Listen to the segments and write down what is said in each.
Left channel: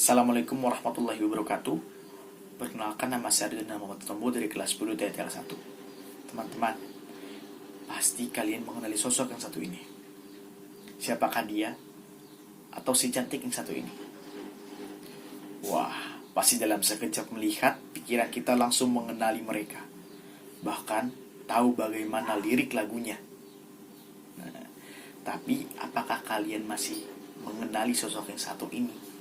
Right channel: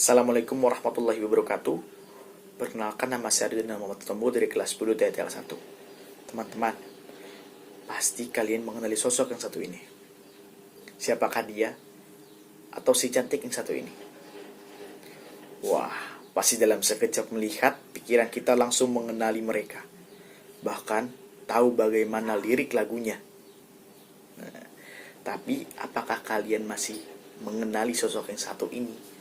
Assalamualaikum warahmatullahi wabarakatuh. Perkenalkan, nama saya Ardina Muhammad Tombo dari kelas 10 TTL 1. Teman-teman, pasti kalian mengenali sosok yang satu ini. Siapakah dia? Atau si cantik yang satu ini? Wah, pasti dalam sekejap melihat, pikiran kita langsung mengenali mereka. Bahkan tahu bagaimana lirik lagunya. Nah, tapi apakah kalian masih mengenali sosok yang satu ini?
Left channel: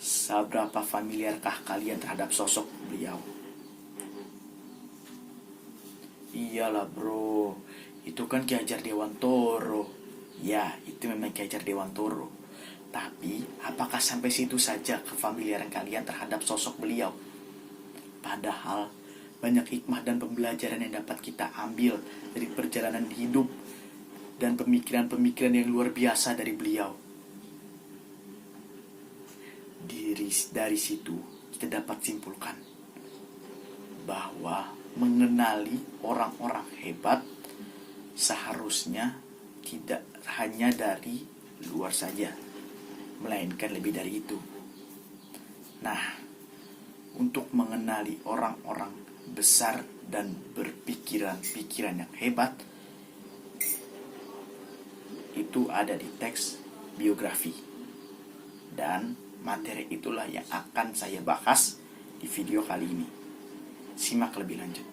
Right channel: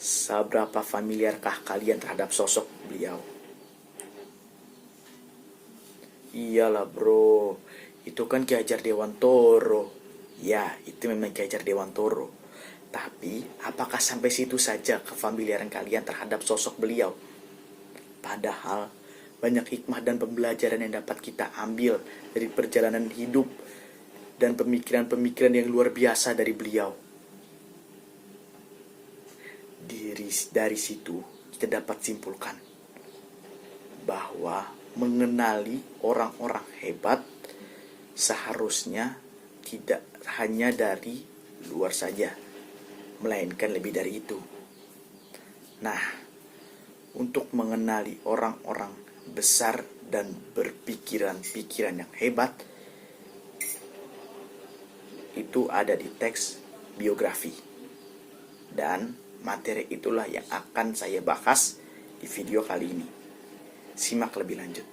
Seberapa familiarkah kalian terhadap sosok beliau? Iyalah bro, itu kan Ki Hajar Dewantoro. Ya, itu memang Ki Hajar Dewantoro. Tapi, apakah sampai situ saja kefamiliaran kalian terhadap sosok beliau? Padahal, banyak hikmah dan pembelajaran yang dapat kita ambil dari perjalanan hidup dan pemikiran-pemikiran yang luar biasa dari beliau. Dari situ kita dapat simpulkan bahwa mengenali orang-orang hebat seharusnya tidak hanya dari luar saja, melainkan lebih dari itu. Nah, untuk mengenali orang-orang besar dan berpikiran-pikiran yang hebat, itu ada di teks biografi. Dan materi itulah yang akan saya bahas di video kali ini. Simak lebih lanjut.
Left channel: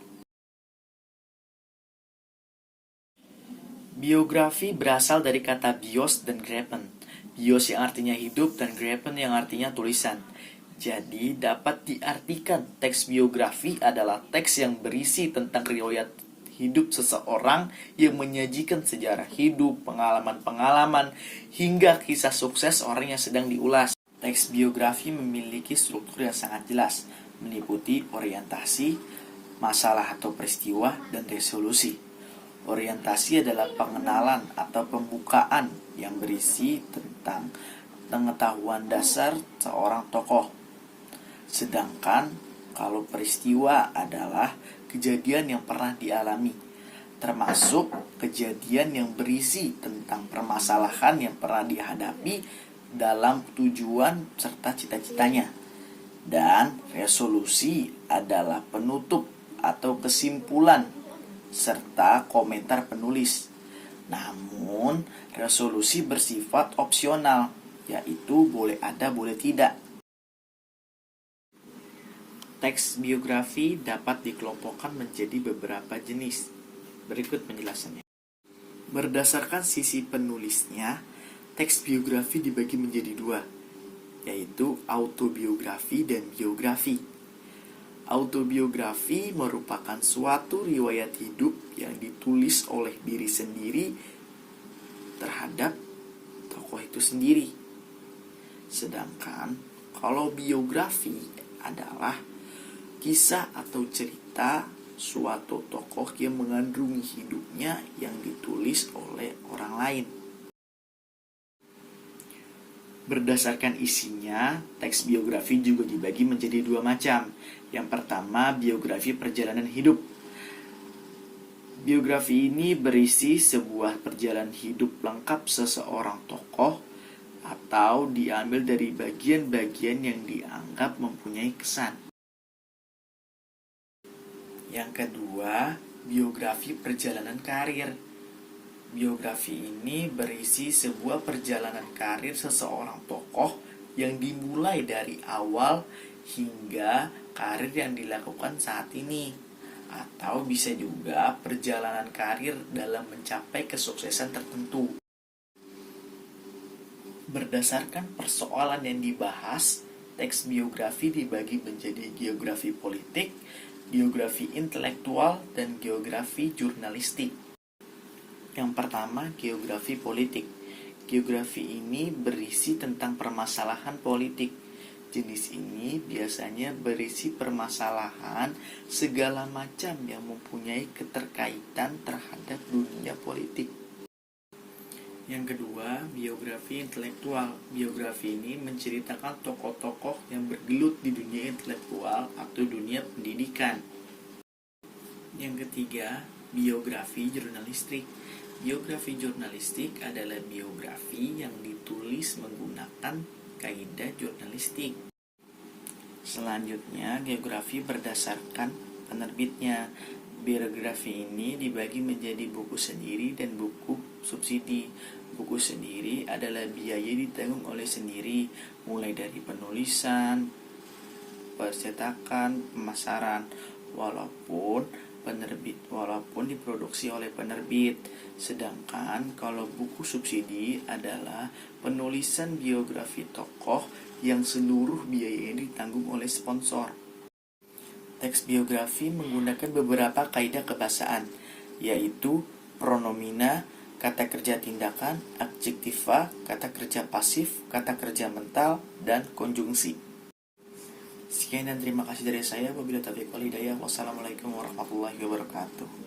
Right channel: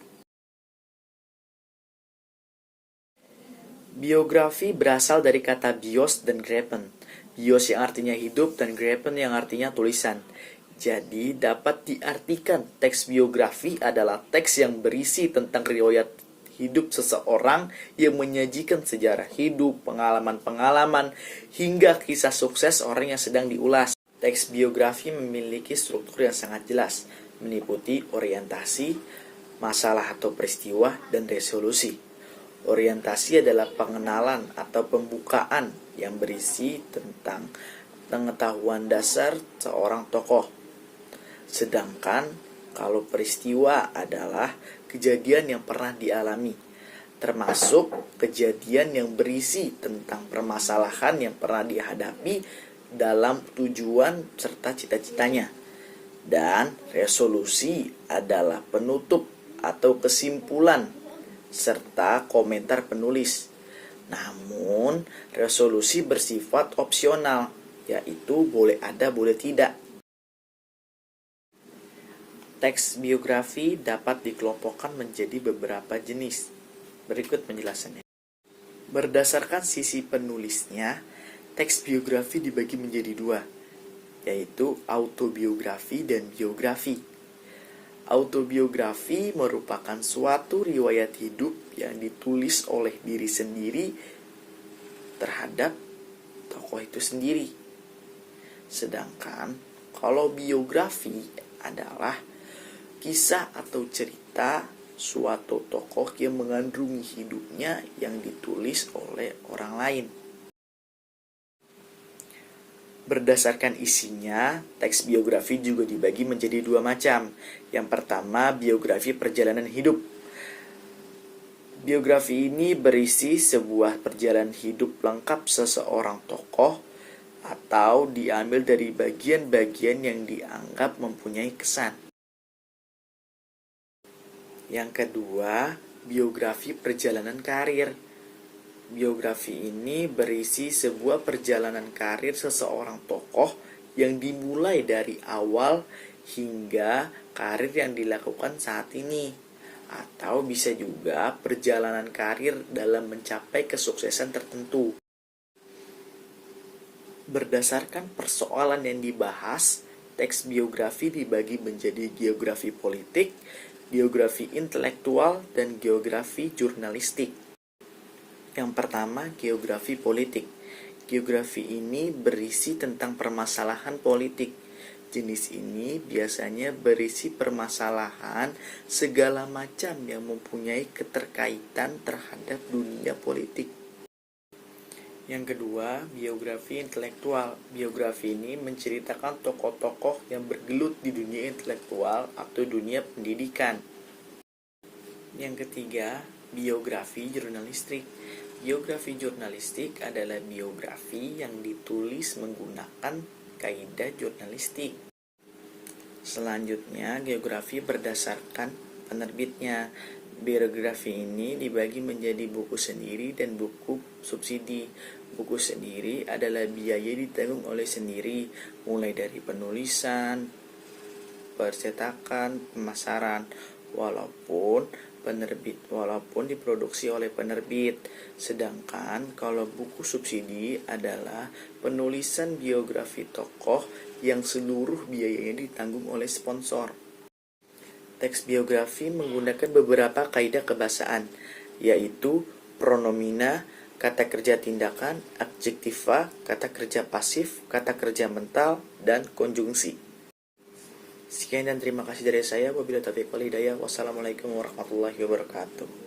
Biografi berasal dari kata bios dan grepen. Bios yang artinya hidup dan grepen yang artinya tulisan. Jadi dapat diartikan teks biografi adalah teks yang berisi tentang riwayat hidup seseorang yang menyajikan sejarah hidup, pengalaman-pengalaman, hingga kisah sukses orang yang sedang diulas. Teks biografi memiliki struktur yang sangat jelas, meliputi orientasi, masalah atau peristiwa, dan resolusi. Orientasi adalah pengenalan atau pembukaan yang berisi tentang pengetahuan dasar seorang tokoh. Sedangkan kalau peristiwa adalah kejadian yang pernah dialami, termasuk kejadian yang berisi tentang permasalahan yang pernah dihadapi dalam tujuan serta cita-citanya. Dan resolusi adalah penutup atau kesimpulan serta komentar penulis. Namun, resolusi bersifat opsional, yaitu boleh ada, boleh tidak. Teks biografi dapat dikelompokkan menjadi beberapa jenis. Berikut penjelasannya. Berdasarkan sisi penulisnya, teks biografi dibagi menjadi dua, yaitu autobiografi dan biografi. Autobiografi merupakan suatu riwayat hidup yang ditulis oleh diri sendiri terhadap tokoh itu sendiri. Sedangkan kalau biografi adalah kisah atau cerita suatu tokoh yang mengandungi hidupnya yang ditulis oleh orang lain. Berdasarkan isinya, teks biografi juga dibagi menjadi dua macam. Yang pertama, biografi perjalanan hidup. Biografi ini berisi sebuah perjalanan hidup lengkap seseorang tokoh atau diambil dari bagian-bagian yang dianggap mempunyai kesan. Yang kedua, biografi perjalanan karir. Biografi ini berisi sebuah perjalanan karir seseorang tokoh yang dimulai dari awal hingga karir yang dilakukan saat ini. Atau bisa juga perjalanan karir dalam mencapai kesuksesan tertentu. Berdasarkan persoalan yang dibahas, teks biografi dibagi menjadi geografi politik, geografi intelektual, dan geografi jurnalistik. Yang pertama, geografi politik. Geografi ini berisi tentang permasalahan politik. Jenis ini biasanya berisi permasalahan segala macam yang mempunyai keterkaitan terhadap dunia politik. Yang kedua, biografi intelektual. Biografi ini menceritakan tokoh-tokoh yang bergelut di dunia intelektual atau dunia pendidikan. Yang ketiga, biografi jurnalistik. Biografi jurnalistik adalah biografi yang ditulis menggunakan kaidah jurnalistik. Selanjutnya, geografi berdasarkan penerbitnya. Biografi ini dibagi menjadi buku sendiri dan buku subsidi. Buku sendiri adalah biaya ditanggung oleh sendiri, mulai dari penulisan, percetakan, pemasaran, walaupun diproduksi oleh penerbit. Sedangkan kalau buku subsidi adalah penulisan biografi tokoh yang seluruh biayanya ditanggung oleh sponsor. Teks biografi menggunakan beberapa kaidah kebahasaan, yaitu pronomina, kata kerja tindakan, adjektiva, kata kerja pasif, kata kerja mental, dan konjungsi. Sekian dan terima kasih dari saya. Wabillahi taufiq wal hidayah. Wassalamualaikum warahmatullahi wabarakatuh.